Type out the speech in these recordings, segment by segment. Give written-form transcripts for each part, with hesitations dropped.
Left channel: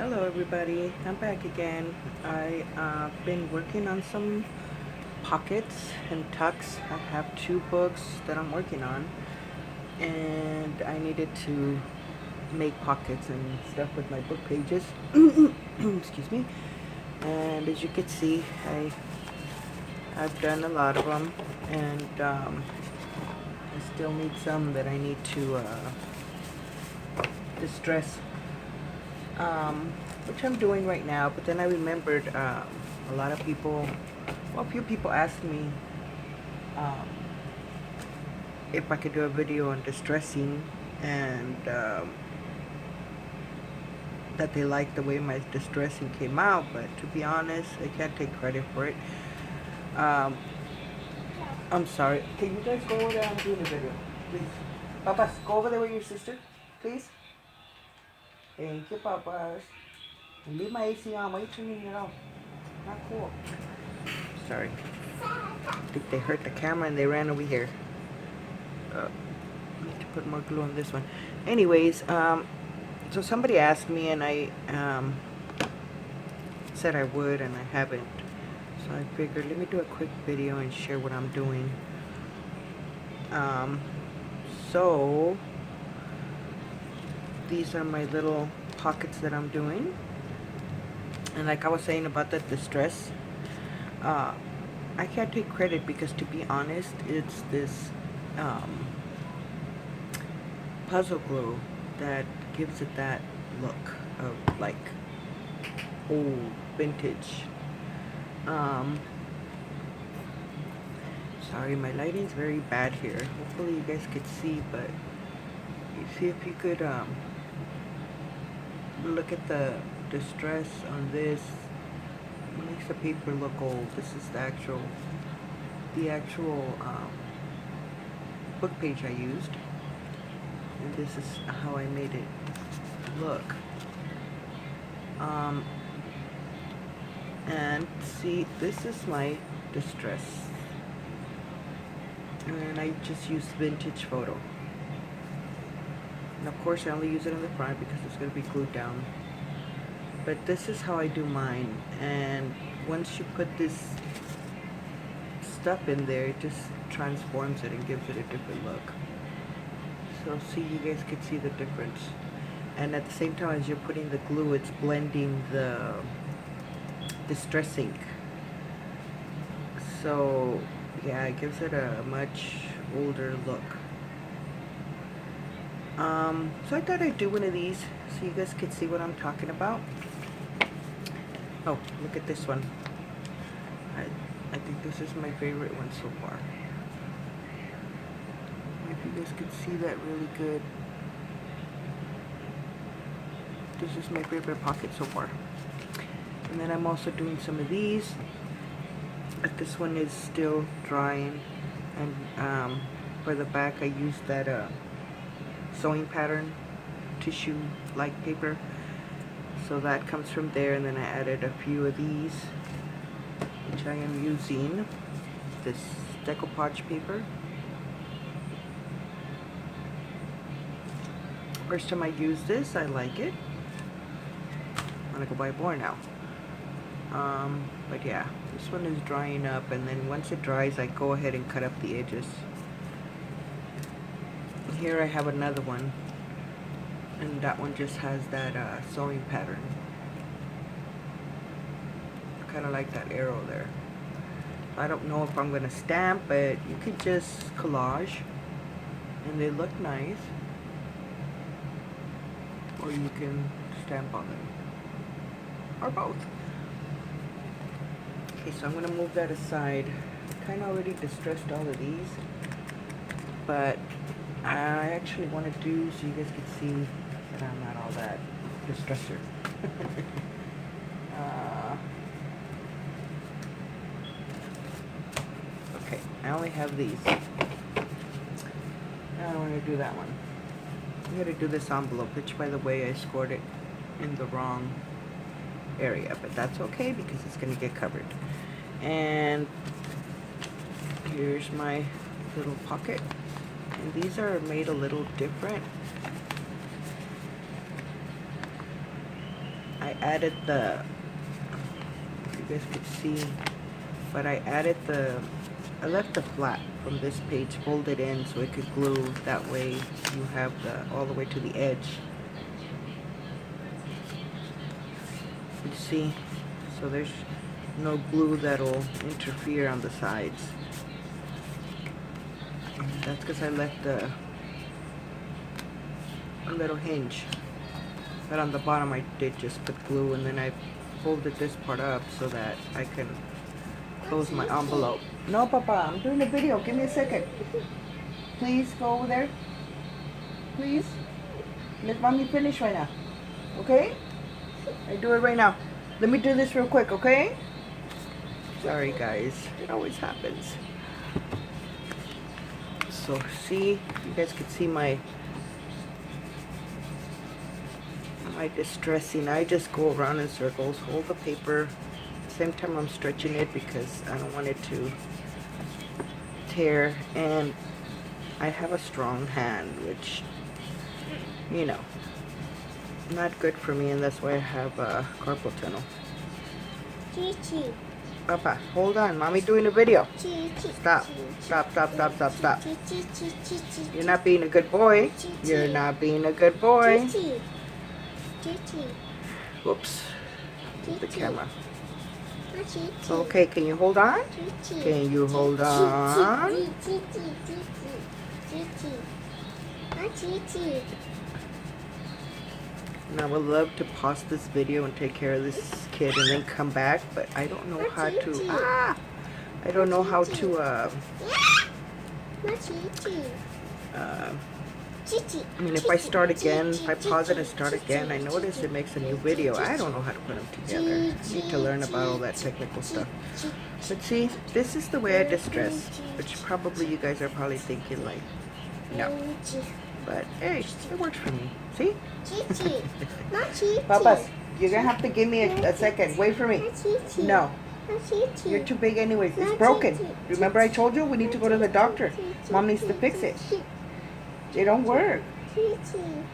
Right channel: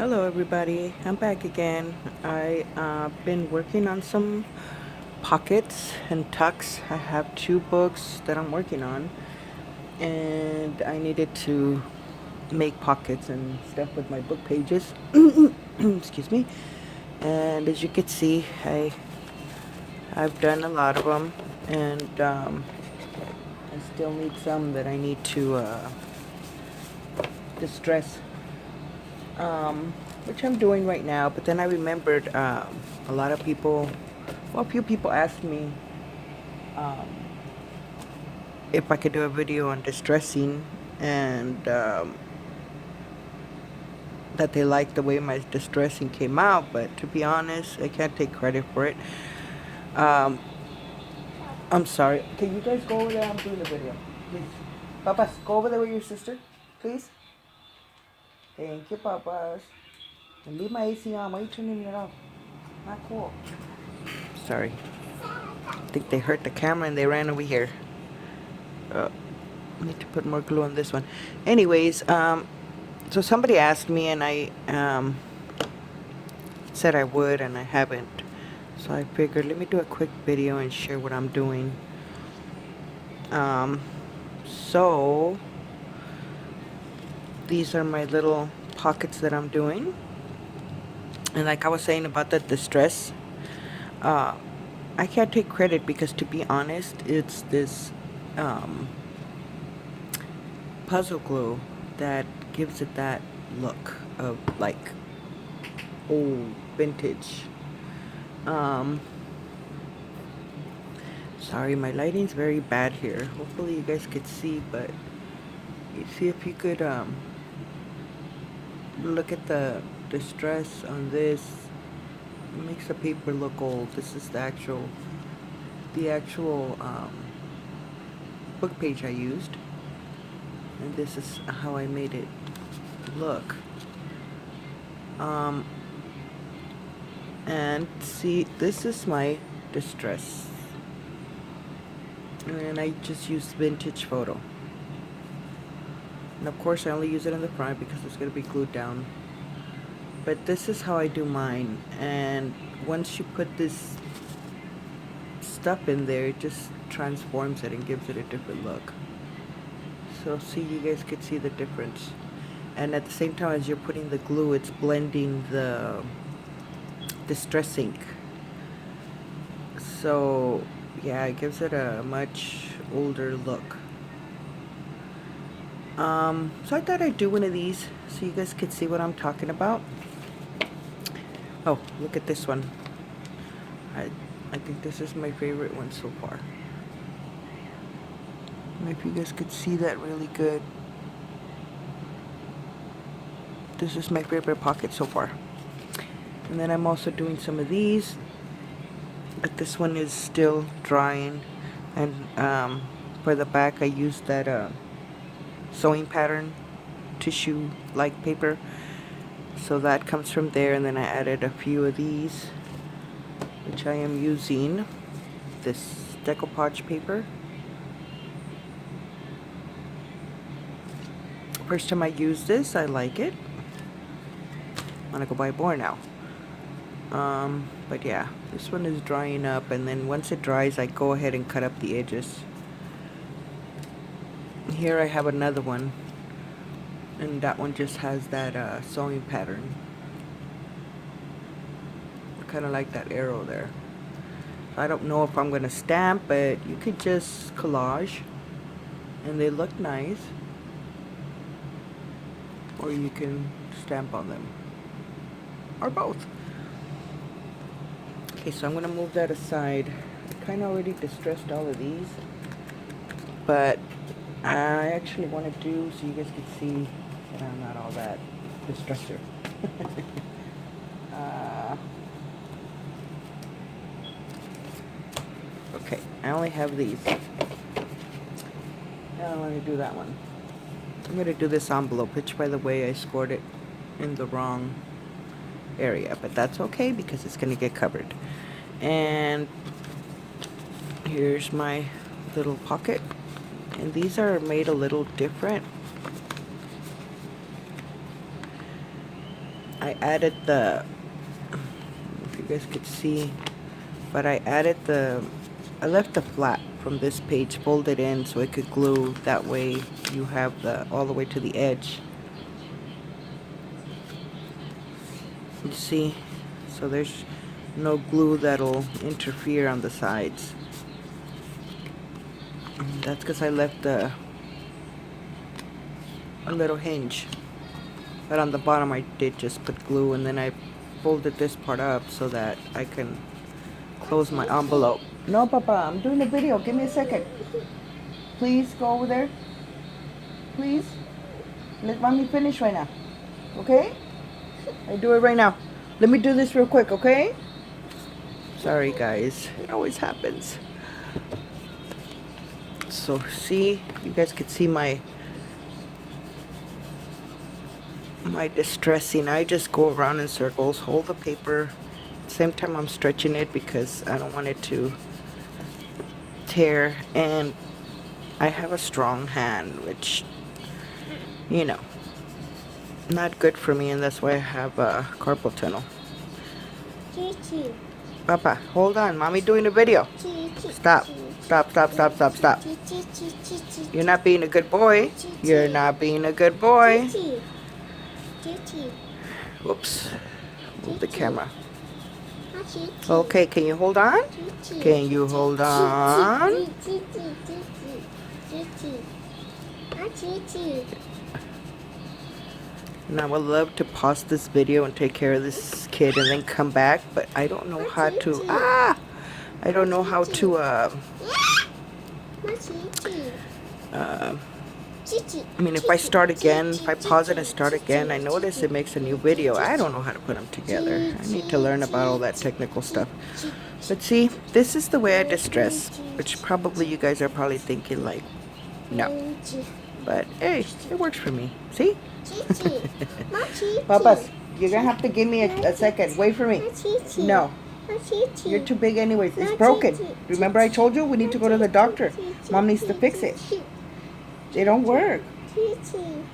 Hello everybody, I'm back again. I've been working on some pockets and tucks. I have two books that I'm working on, and I needed to make pockets and stuff with my book pages. Excuse me. And as you can see, I've done a lot of them, and I still need some that I need to distress, which I'm doing right now. But then I remembered a lot of people, well, a few people asked me um, if I could do a video on distressing, and that they liked the way my distressing came out. But to be honest, I can't take credit for it. Um, I'm sorry. Can you guys go over there and do the video, please? Papas, go over there with your sister, please. Thank you, Papas. Leave my AC on. Why are you turning it off? Not cool. Sorry. I think they hurt the camera and they ran over here. I need to put more glue on this one. Anyways, so somebody asked me and I said I would, and I haven't. So I figured let me do a quick video and share what I'm doing. Um, so these are my little pockets that I'm doing. And like I was saying about the distress, uh, I can't take credit because, to be honest, it's this um, puzzle glue that gives it that look of like old vintage. Um, Sorry, my lighting's very bad here. Hopefully you guys could see, but you see if you could look at the distress on this. It makes the paper look old. This is the actual book page I used, and this is how I made it look. Um, and see, this is my distress, and I just used vintage photo. And of course I only use it in the front because it's going to be glued down. But this is how I do mine, and once you put this stuff in there, it just transforms it and gives it a different look. So see, you guys could see the difference. And at the same time as you're putting the glue, it's blending the distress ink. So yeah, it gives it a much older look. So I thought I'd do one of these so you guys could see what I'm talking about. Oh, look at this one. I think this is my favorite one so far. If you guys could see that really good. This is my favorite pocket so far. And then I'm also doing some of these. But this one is still drying. And for the back I used that sewing pattern tissue like paper. So that comes from there, and then I added a few of these, which I am using this decoupage paper. First time I use this, I like it. I'm gonna go buy more now. But yeah, this one is drying up, and then once it dries, I go ahead and cut up the edges. Here I have another one, and that one just has that sewing pattern. I kind of like that arrow there. I don't know if I'm gonna stamp, but you could just collage, and they look nice. Or you can stamp on them, or both. Okay, so I'm gonna move that aside. I kind of already distressed all of these, but I actually want to do so you guys can see that I'm not all that distressor. Okay, I only have these. Now I want to do that one. I'm going to do this envelope, which by the way I scored it in the wrong area, but that's okay because it's going to get covered. And here's my little pocket, and these are made a little different. I added the, if you guys could see, but I left the flap from this page folded in so I could glue. That way you have the all the way to the edge. You see? So there's no glue that'll interfere on the sides. And that's because I left a little hinge. But on the bottom I did just put glue, and then I folded this part up so that I can close my envelope. No, Papa, I'm doing a video. Give me a second. Please go over there. Please. Let mommy finish right now. Okay? I do it right now. Let me do this real quick, okay? Sorry, guys. It always happens. So, see? You guys can see my distressing. I just go around in circles, hold the paper. Same time I'm stretching it because I don't want it to tear. And I have a strong hand, which, you know, not good for me, and that's why I have carpal tunnel. Chichi. Papa, hold on. Mommy doing a video. Chichi. Stop. Stop, stop, stop, stop, stop. Chichi. You're not being a good boy. You're not being a good boy. Chichi. Whoops. Move the camera. Chichi. Okay, can you hold on? Can you hold on? Chichi. And I would love to pause this video and take care of this kid and then come back, but I don't know how to, I don't know how to, I mean, if I start again, if I pause it and start again, I notice it makes a new video. I don't know how to put them together. I need to learn about all that technical stuff. But see, this is the way I distress, which probably you guys are probably thinking like, no. But hey, it works for me. See? Papas, you're gonna have to give me a second. Wait for me. No. You're too big anyways. It's broken. Remember I told you we need to go to the doctor. Mom needs to fix it. They don't work.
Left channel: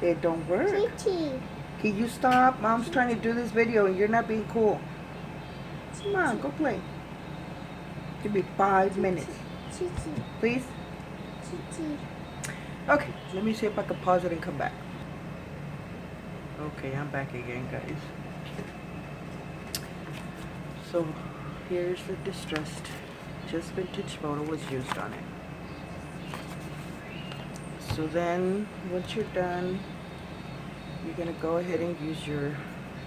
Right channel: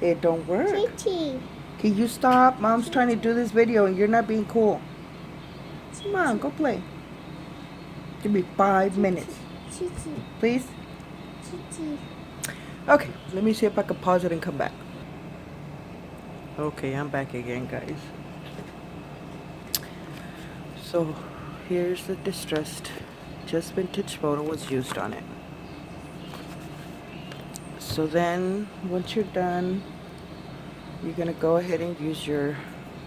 They don't work. Can you stop? Mom's trying to do this video and you're not being cool. Come on, go play. Give me 5 minutes. Please? Okay, let me see if I can pause it and come back. Okay, I'm back again, guys. So, here's the distressed. Just vintage photo was used on it. So then, once you're done, you're going to go ahead and use your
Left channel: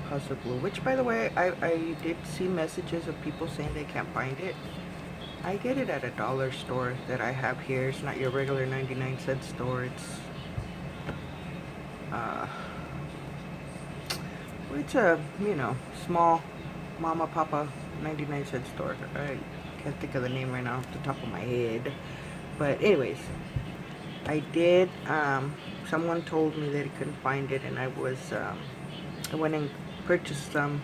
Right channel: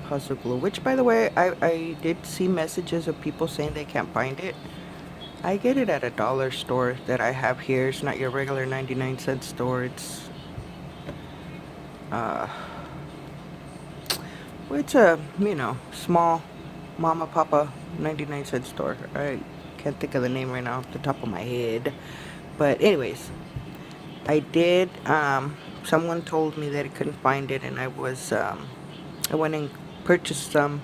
puzzle glue. Which, by the way, I did see messages of people saying they can't find it. I get it at a dollar store that I have here. It's not your regular 99-cent store. It's a, you know, small mama papa 99-cent store. I can't think of the name right now off the top of my head. But anyways, I did, someone told me that I couldn't find it, and I went and purchased some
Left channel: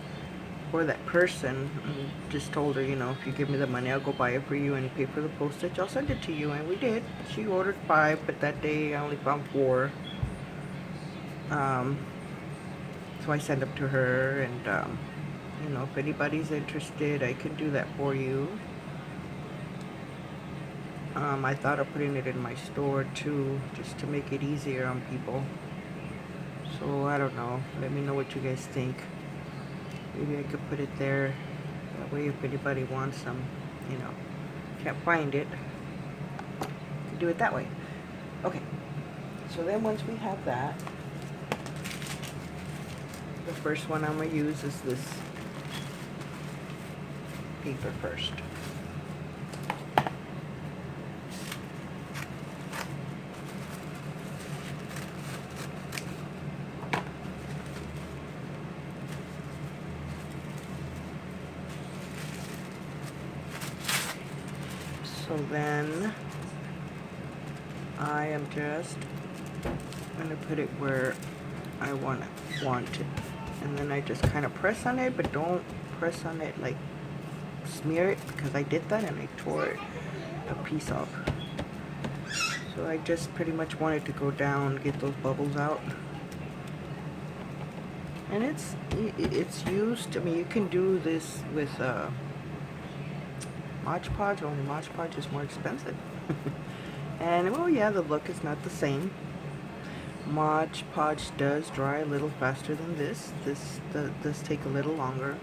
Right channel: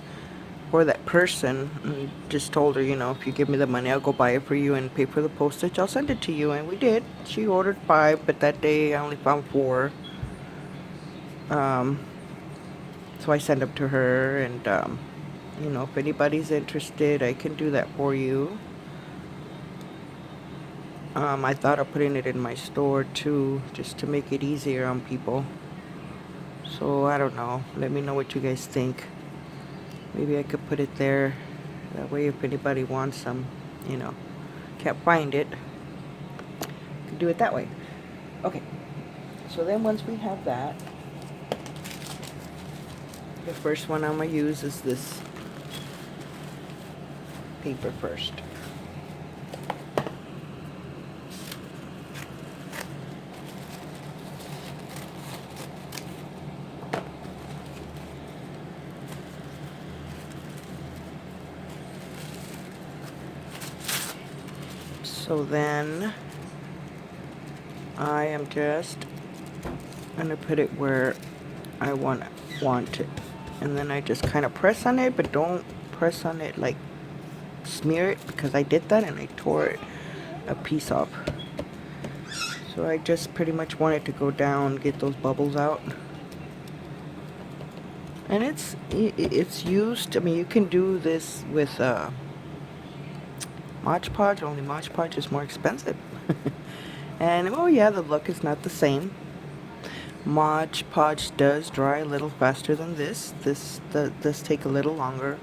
for that person, and just told her, you know, if you give me the money, I'll go buy it for you and pay for the postage. I'll send it to you, and we did. She ordered 5, but that day I only found 4. So I sent them to her, and, you know, if anybody's interested, I can do that for you. I thought of putting it in my store too, just to make it easier on people. So I don't know. Let me know what you guys think. Maybe I could put it there. That way if anybody wants some, you know, can't find it, can do it that way. Okay. So then once we have that, the first one I'm going to use is this paper first. So then I am just going to put it where I want it. And then I just kind of press on it, but don't press on it like smear it, because I did that and I tore a piece off. So I just pretty much want it to go down, get those bubbles out. And it's used. I mean, you can do this with Mod Podge. Only Mod Podge is more expensive. And oh yeah, the look is not the same. Mod Podge does dry a little faster than this. This does take a little longer.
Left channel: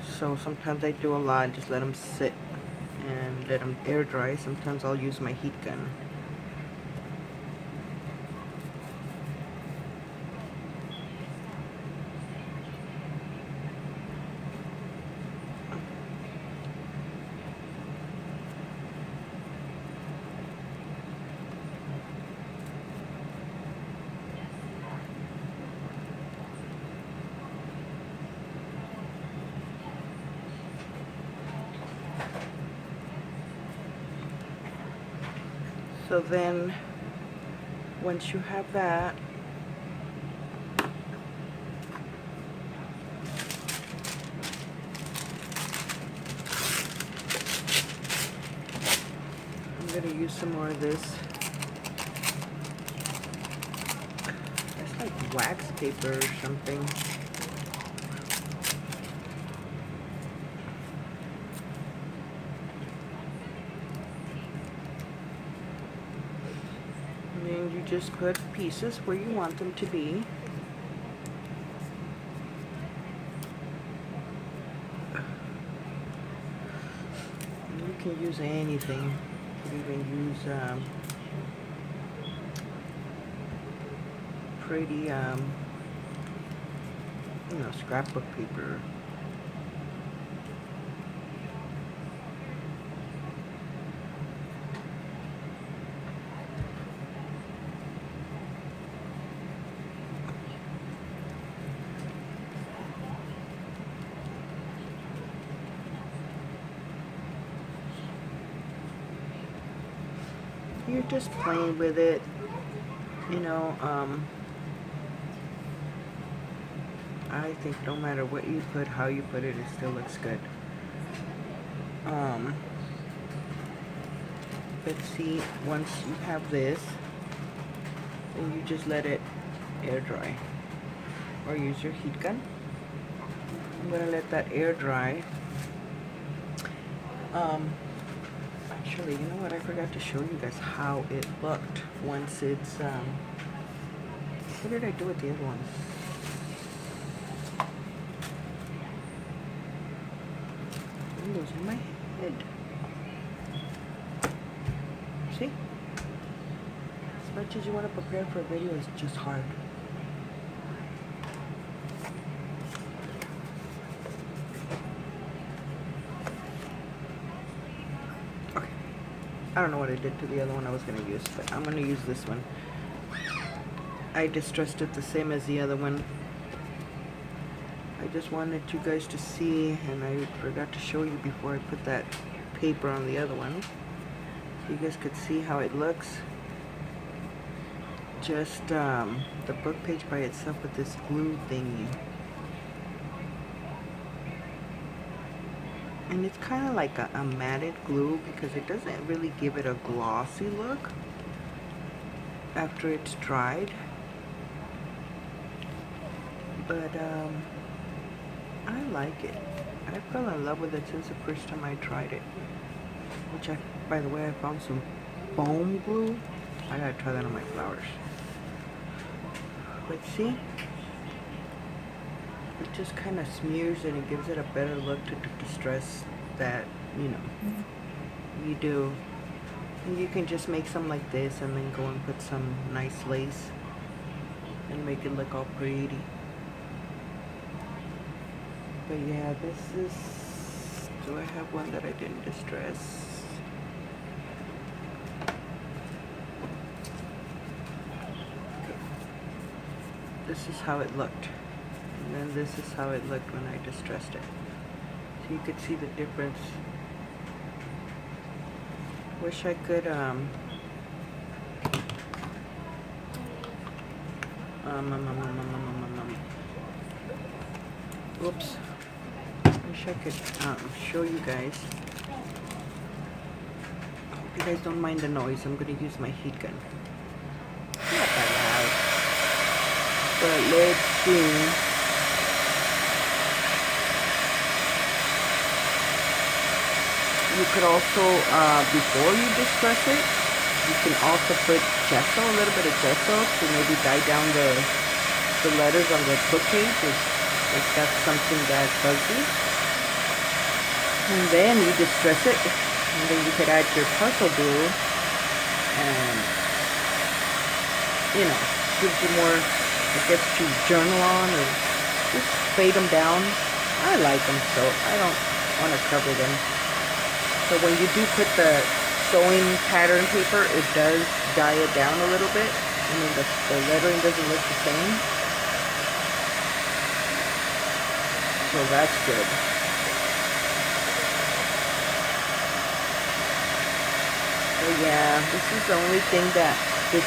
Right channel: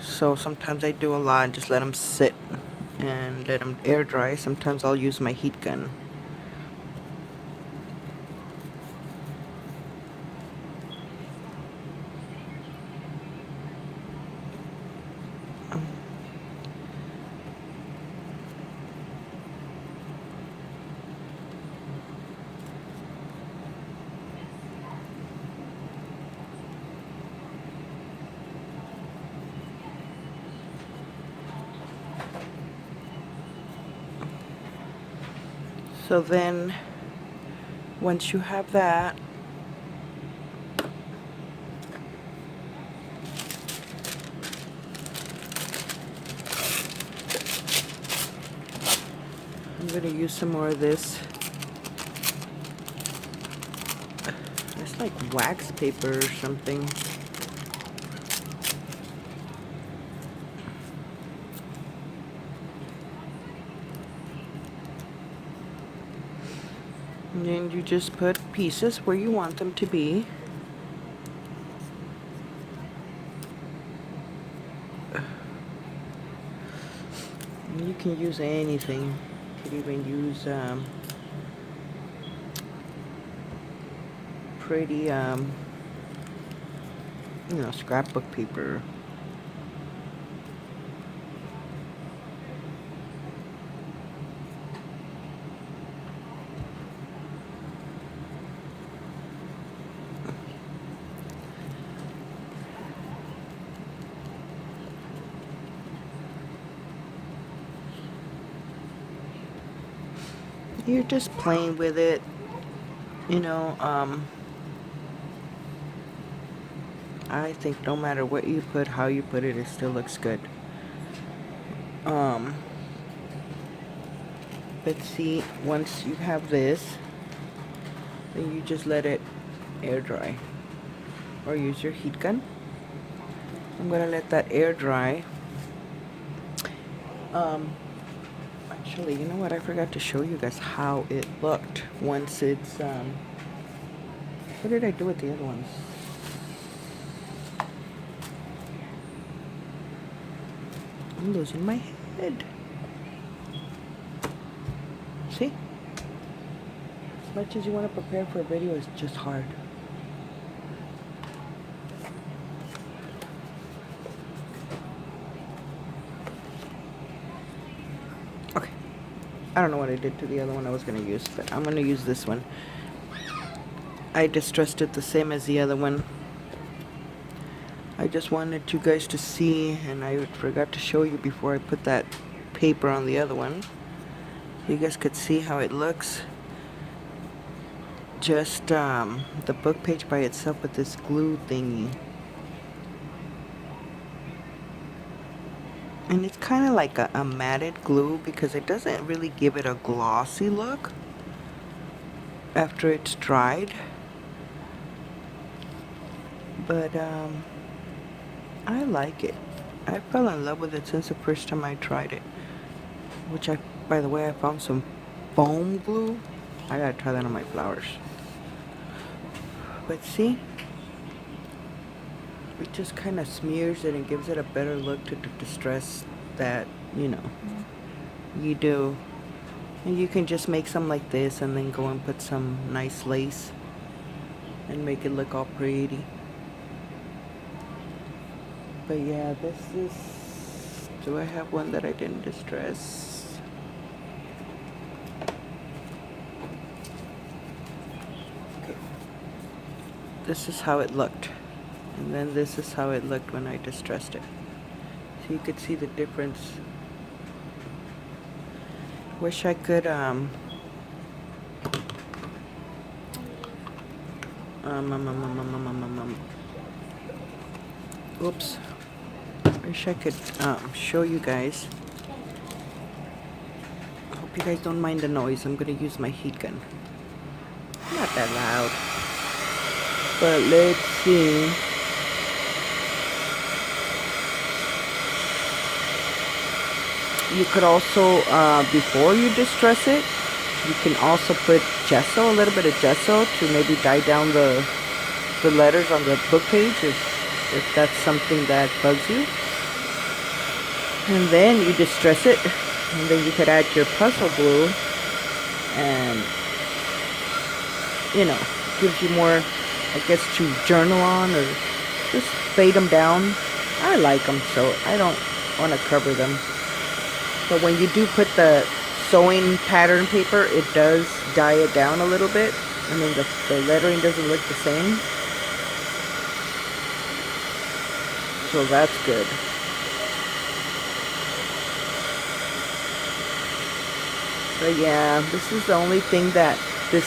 So sometimes I do a lot and just let them sit and let them air dry. Sometimes I'll use my heat gun. So then, once you have that, I'm going to use some more of this. It's like wax paper or something. And then you just put pieces where you want them to be. And you can use anything. You can even use pretty, scrapbook paper. You're just playing with it, you know. I think no matter what you put, how you put it, it still looks good. Um, but see, once you have this, then you just let it air dry or use your heat gun. I'm gonna let that air dry. Actually, you know what? I forgot to show you guys how it looked once it's what did I do with the other ones? I'm losing my head. See? As much as you want to prepare for a video, it's just hard. Okay. I don't know what I did to the other one I was going to use, but I'm going to use this one. I distressed it the same as the other one. I just wanted you guys to see, and I forgot to show you before I put that paper on the other one. You guys could see how it looks. Just the book page by itself with this glue thingy. And it's kind of like a matted glue because it doesn't really give it a glossy look after it's dried. But I like it. I fell in love with it since the first time I tried it. Which by the way, I found some foam glue. I gotta try that on my flowers. But see, it just kind of smears it and gives it a better look to the distress that, you do. And you can just make some like this and then go and put some nice lace and make it look all pretty. But yeah, this is, do I have one that I didn't distress? Okay. This is how it looked. And then this is how it looked when I distressed it. So you could see the difference. Wish I could, whoops. Wish I could show you guys. Hope you guys don't mind the noise. I'm gonna use my heat gun. Not that loud. But let's see. you could also, before you distress it, you can also put gesso, a little bit of gesso to maybe dye down the letters on the book page if that's something that bugs you. And then you distress it, and then you could add your puzzle glue, and gives you more, I guess, to journal on or just fade them down. I like them, so I don't want to cover them. But when you do put the sewing pattern paper, it does dye it down a little bit. I mean, the lettering doesn't look the same. So that's good. But yeah, this is the only thing that this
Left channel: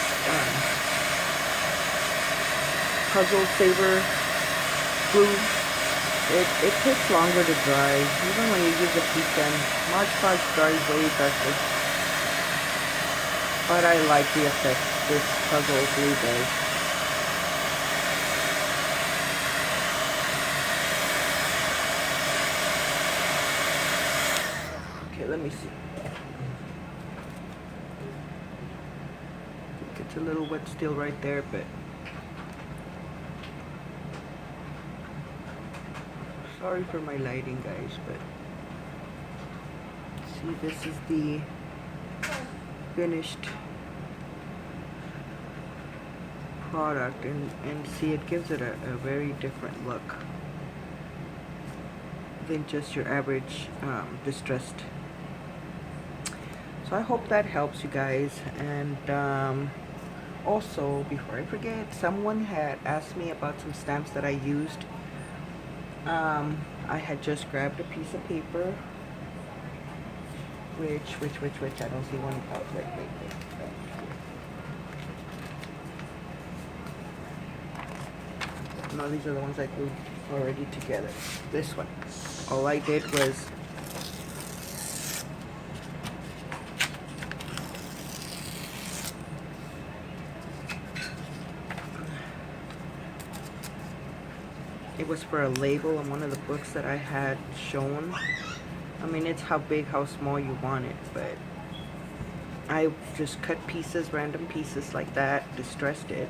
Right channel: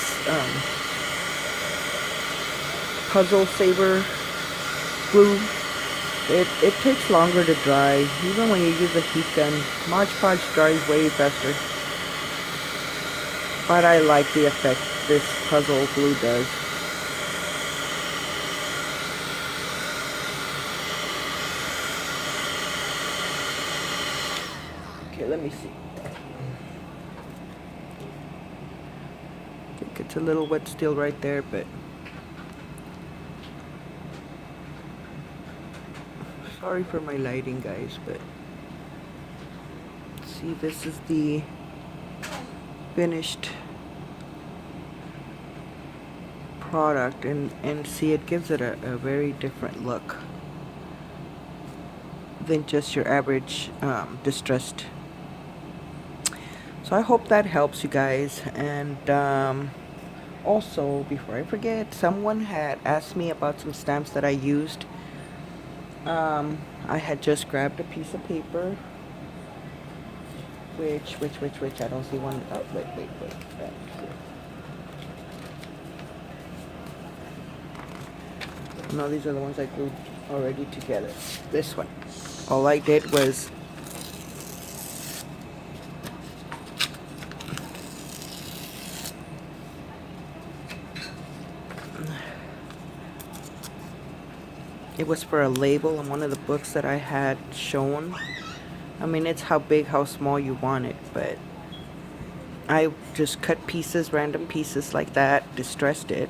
puzzle saver glue, it takes longer to dry. Even when you use a heat gun, Mod Podge dries way faster. But I like the effect this puzzle glue does. Okay, let me see. I think it's a little wet still right there, but sorry for my lighting, guys, but see, this is the finished product, and see, it gives it a very different look than just your average distressed. So I hope that helps you guys. And also, before I forget, someone had asked me about some stamps that I used. I had just grabbed a piece of paper, which I don't see one. Oh, wait. No, these are the ones I glued already together. This one. All I did was it was for a label on one of the books that I had shown. I mean, it's how big, how small you want it, but I just cut pieces, random pieces like that, distressed it.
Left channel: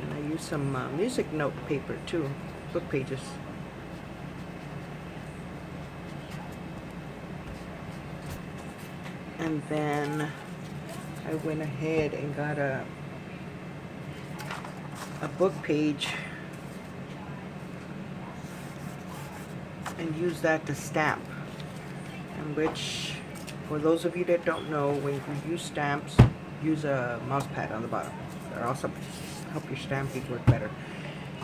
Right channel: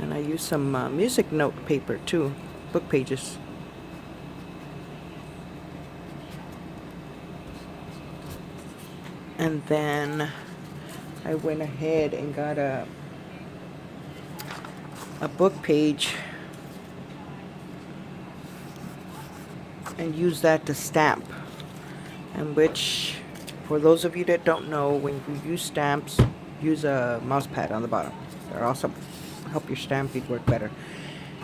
And I used some music note paper too, book pages. And then I went ahead and got a book page and used that to stamp. And which, for those of you that don't know, when you use stamps, use a mouse pad on the bottom. They're awesome. Help your stamping work better.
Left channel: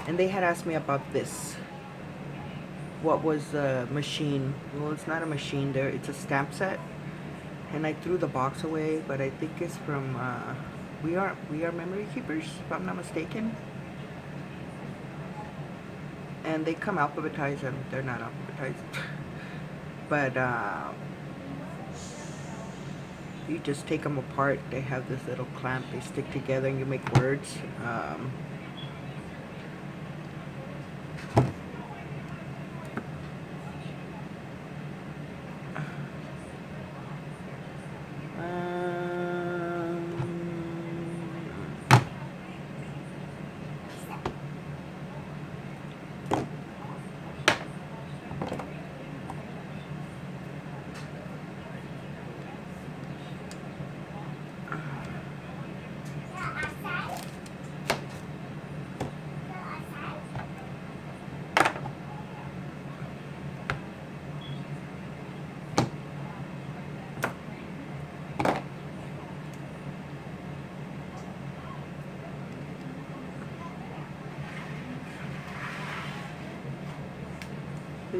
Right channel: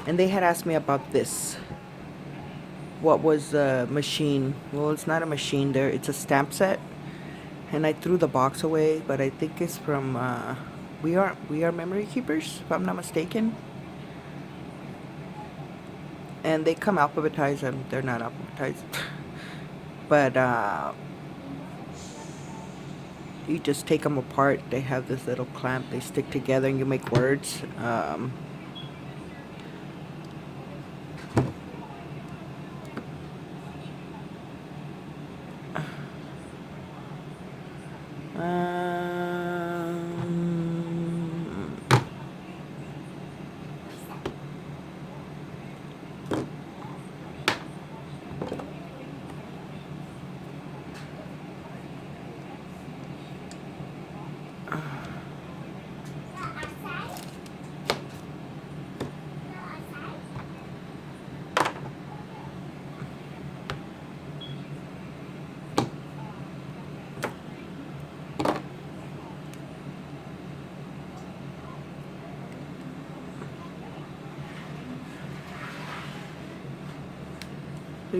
And they had asked me about this. What was the machine? Well, it's not a machine there. It's a stamp set. And I threw the box away, but I think it's from We Are Memory Keepers, if I'm not mistaken. And they come alphabetized, and they're not alphabetized. But you just take them apart. They have this little clamp. They stick together, and you make words.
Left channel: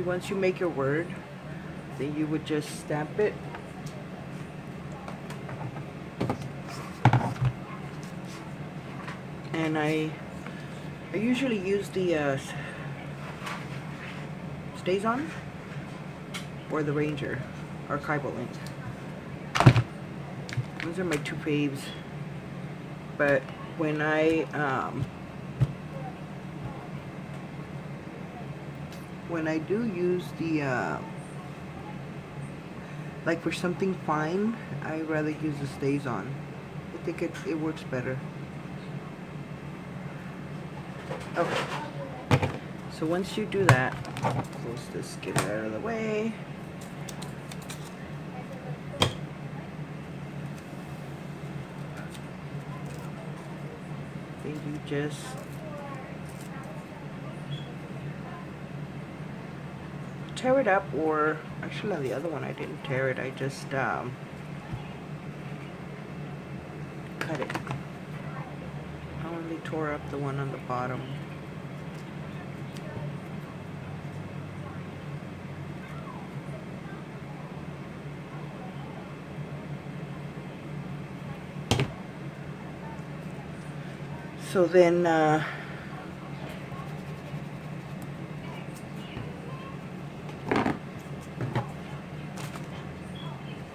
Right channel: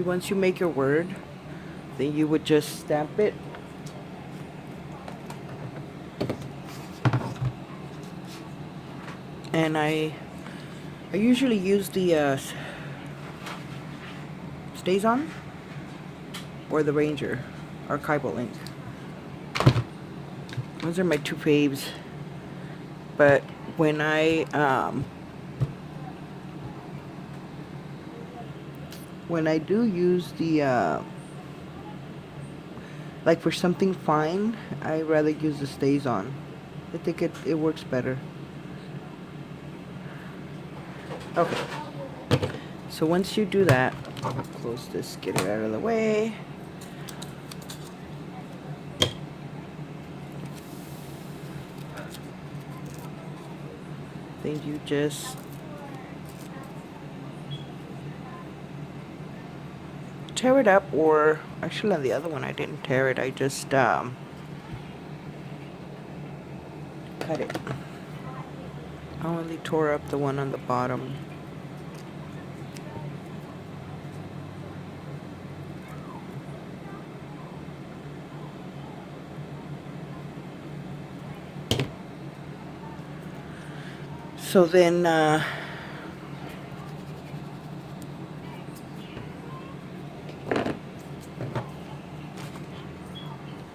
Once you make your word, then you would just stamp it. And I usually use the Stays On or the Ranger archival ink. Those are my two faves. But when I when I do use the like for something fine, I rather use the stays on. I think it works better. Okay. So once you do that, close this, get it out of the way. Then you just tear it up, or actually on the other one I didn't tear it, I just cut it. I only tore up the one on the bottom. So then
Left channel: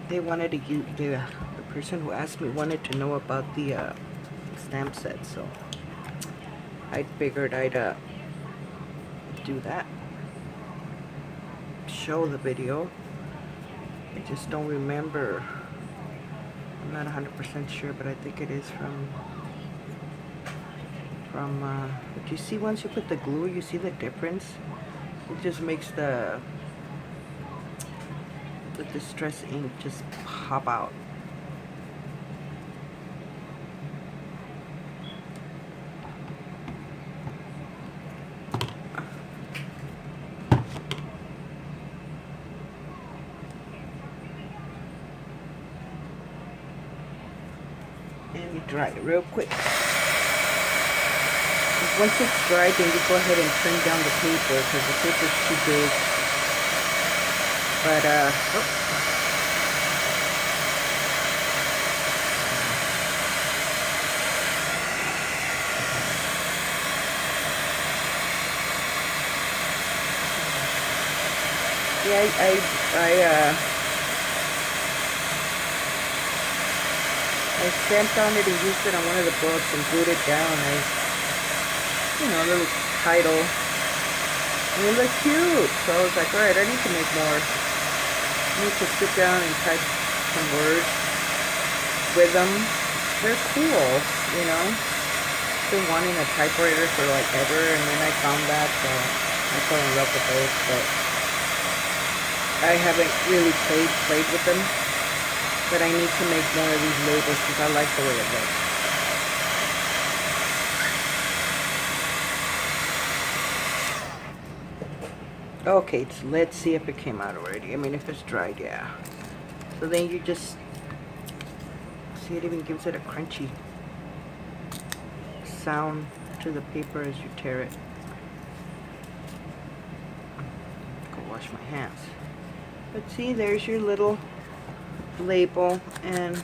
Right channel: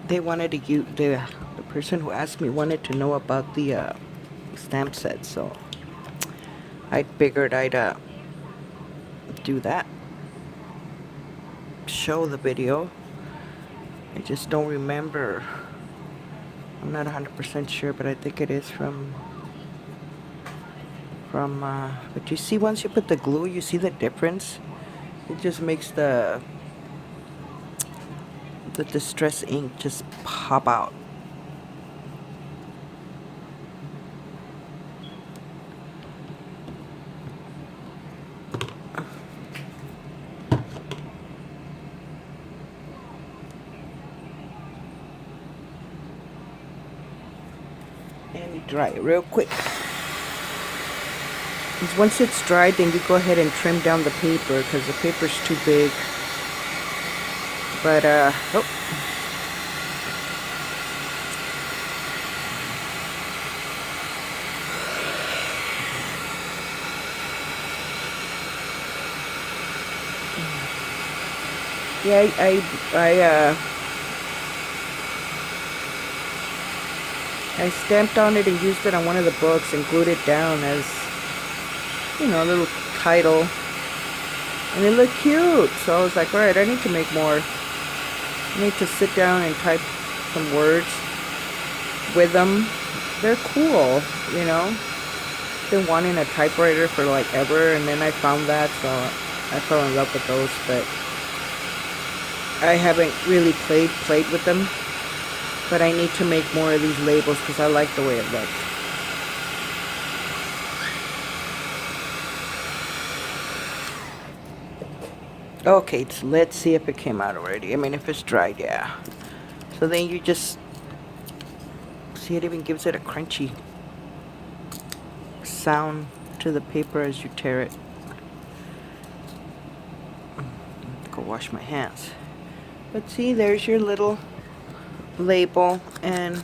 they wanted to use the person who asked me wanted to know about the stamp set, so I figured I'd do that, show the video. I just don't remember. I'm not 100% sure, but I think it is from but you see, once you put the glue, you see the difference. It just makes the distress ink just pop out. And you dry it real quick. 'Cause once it's dried, then you go ahead and trim down the paper because the paper's too big. But oh. Yeah, I stamped on it and used it on one of the books and glued it down as, you know, a little title. And it looked cute. So I was like, alright, I need to make more. I need to sit down and type some words with them. They're cool, you know. Been wanting a typewriter for like ever, and then I found that, so I fell in love with those, but I haven't really played with them. But I need to make more of these labels because I like the way it looks. Okay, so let's see if it came out already. I mean, if it's dried, yeah. So then you just see, it even gives it a crunchy sound to the paper as you tear it. Go wash my hands. But see, there's your little label, and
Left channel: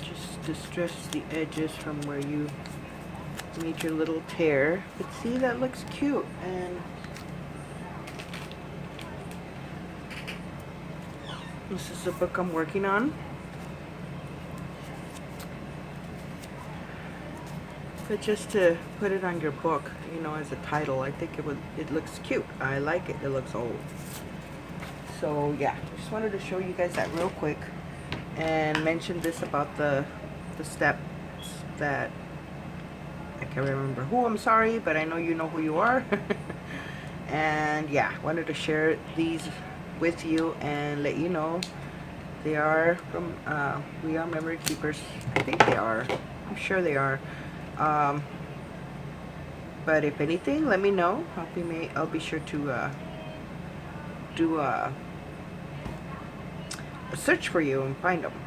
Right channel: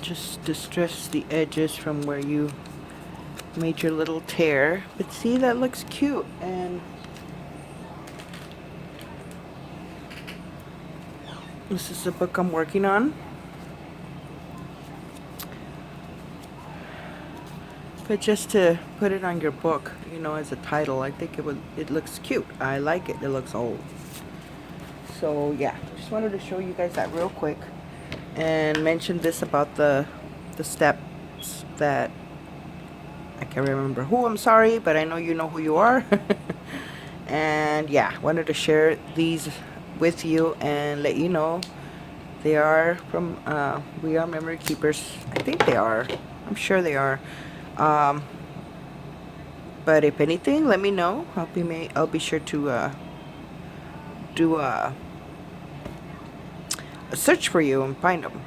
just distress the edges from where you made your little tear. But see, that looks cute. And this is the book I'm working on. But just to put it on your book, you know, as a title, I think it looks cute. I like it. It looks old. So yeah, just wanted to show you guys that real quick and mention this about the steps that I can't remember who. I'm sorry, but I know you know who you are. And yeah, wanted to share these with you and let you know they are from We Are Memory Keepers. I think they are. I'm sure they are. But if anything, let me know. I'll be sure to do a search for you and find them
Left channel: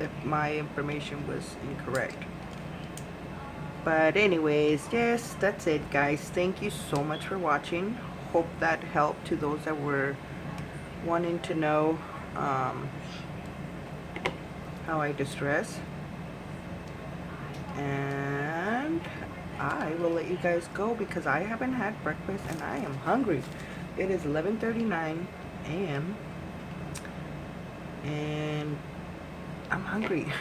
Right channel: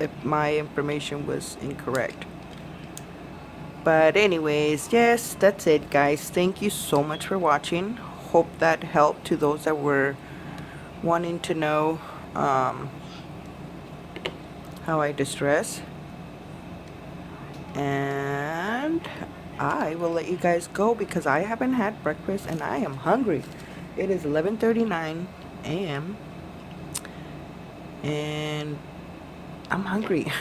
if my information was incorrect. But anyways, yes, that's it, guys. Thank you so much for watching. Hope that helped to those that were wanting to know how I distress. And I will let you guys go because I haven't had breakfast and I am hungry. It is 11:39 a.m. and I'm hungry.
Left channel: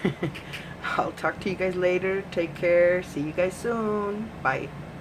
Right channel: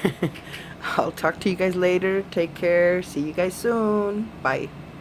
I'll talk to you guys later. Take care. See you guys soon. Bye.